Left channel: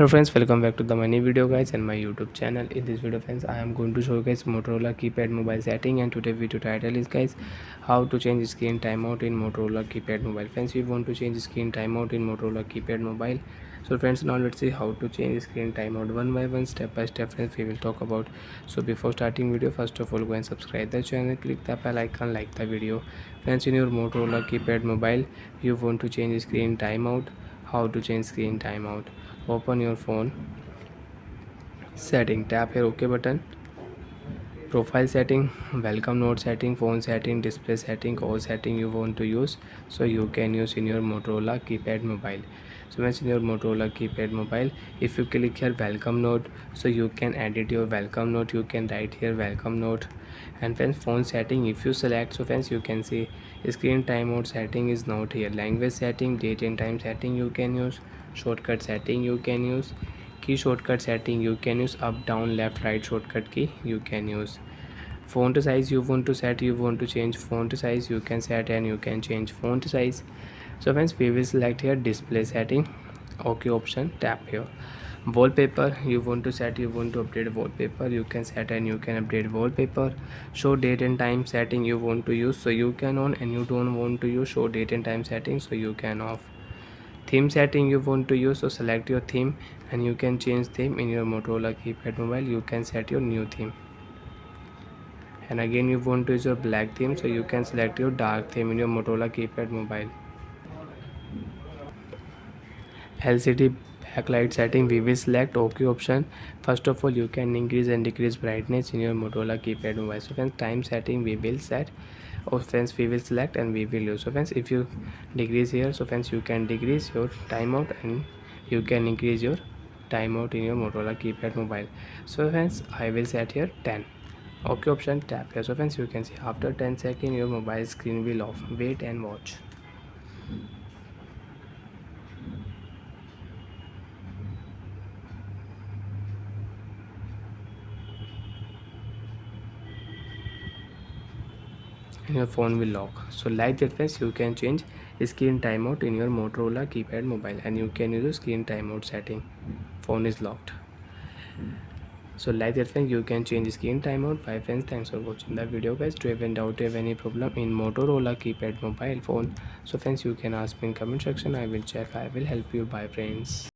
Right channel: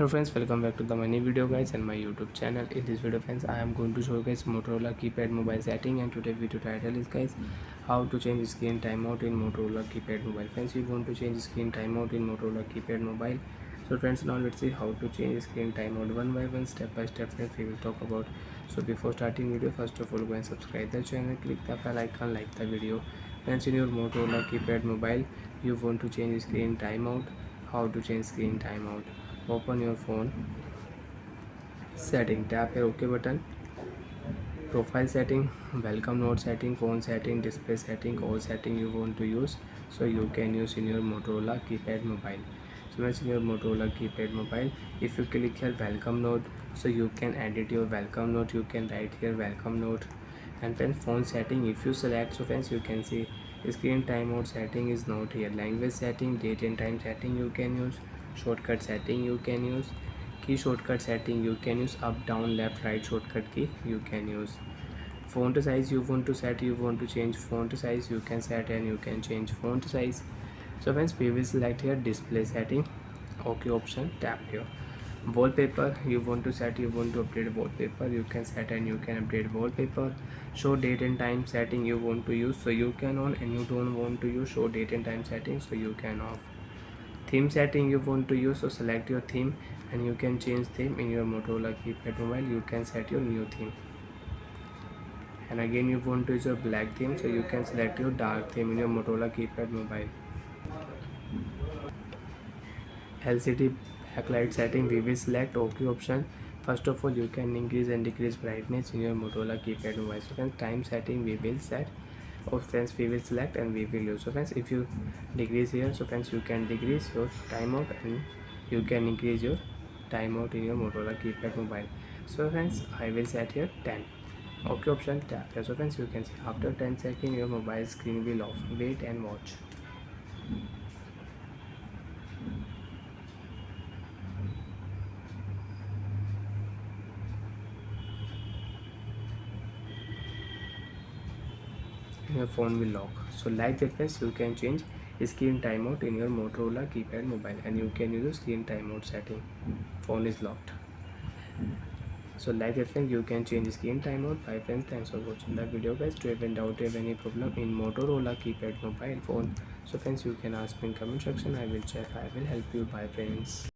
Hello friends, welcome back to the mini video guys and my YouTube channel. In this video friends, I am going to show you guys Motorola keypad mobile setting, and today video title is guys how to change screen timeout in Motorola keypad mobile. Friends, we want to change screen timeout in Motorola keypad mobile. So friends, now let's see how to change screen timeout one by one, step by step. Friends, we will talk about. So before starting video, first of all go and subscribe the channel, click the bell icon, like the video. Friends, in your Motorola keypad mobile, you want to change screen timeout. How to change screen timeout? Open your phone setting, tap here OK button, profile setting, welcome note setting, phone setting, display setting, all setting you want to use, so you can use in your Motorola keypad mobile. So once in your Motorola keypad mobile, if you click here welcome note, so you can edit your welcome note, you can write here welcome note. And then phone setting, if you select, so friends you can see screen timeout setting is not here, language setting, date and time setting you can use, shortcut setting you can use, key shortcut setting you can use, up down left right shortcut key you can use. Font size you want to set, you want to change font size, you can set and you can change font size. So friends, we will select here display setting, OK option, tap here. Wallpaper you want to set, you want to update wallpaper, you can set and you can update wallpaper. Show date and time setting you want to use, so you can on, and you don't want to use show date and time setting, so you can off. Theme setting you want to use, so select your theme and you can change theme in your Motorola keypad mobile, you can set your new theme. And again you want to use your black theme, so you can select your dark theme in your Motorola keypad mobile. LCD backlight setting, we will select OK option. First of all, you can increase and decrease brightness in your Motorola keypad mobile. So friends, time setting we will set, or friends we will select and we will use. So friends, if you decrease here, so friends you can decrease your timeout and you can increase your timeout in your Motorola keypad mobile. So friends, I will set here 10. OK option, tap here. So friends, you can see after 10 seconds your mobile screen will off. Wait and watch. And your phone will lock. So like that friends, you can change screen timeout in your Motorola keypad mobile, and you can use the screen timeout setting. Phone is locked. So like that friends, you can change screen timeout. Bye friends, thanks for watching the video guys. Do you have any doubt, have any problem in Motorola keypad mobile phone, so friends you can ask me in comment section, I will check, I will help you. Bye friends.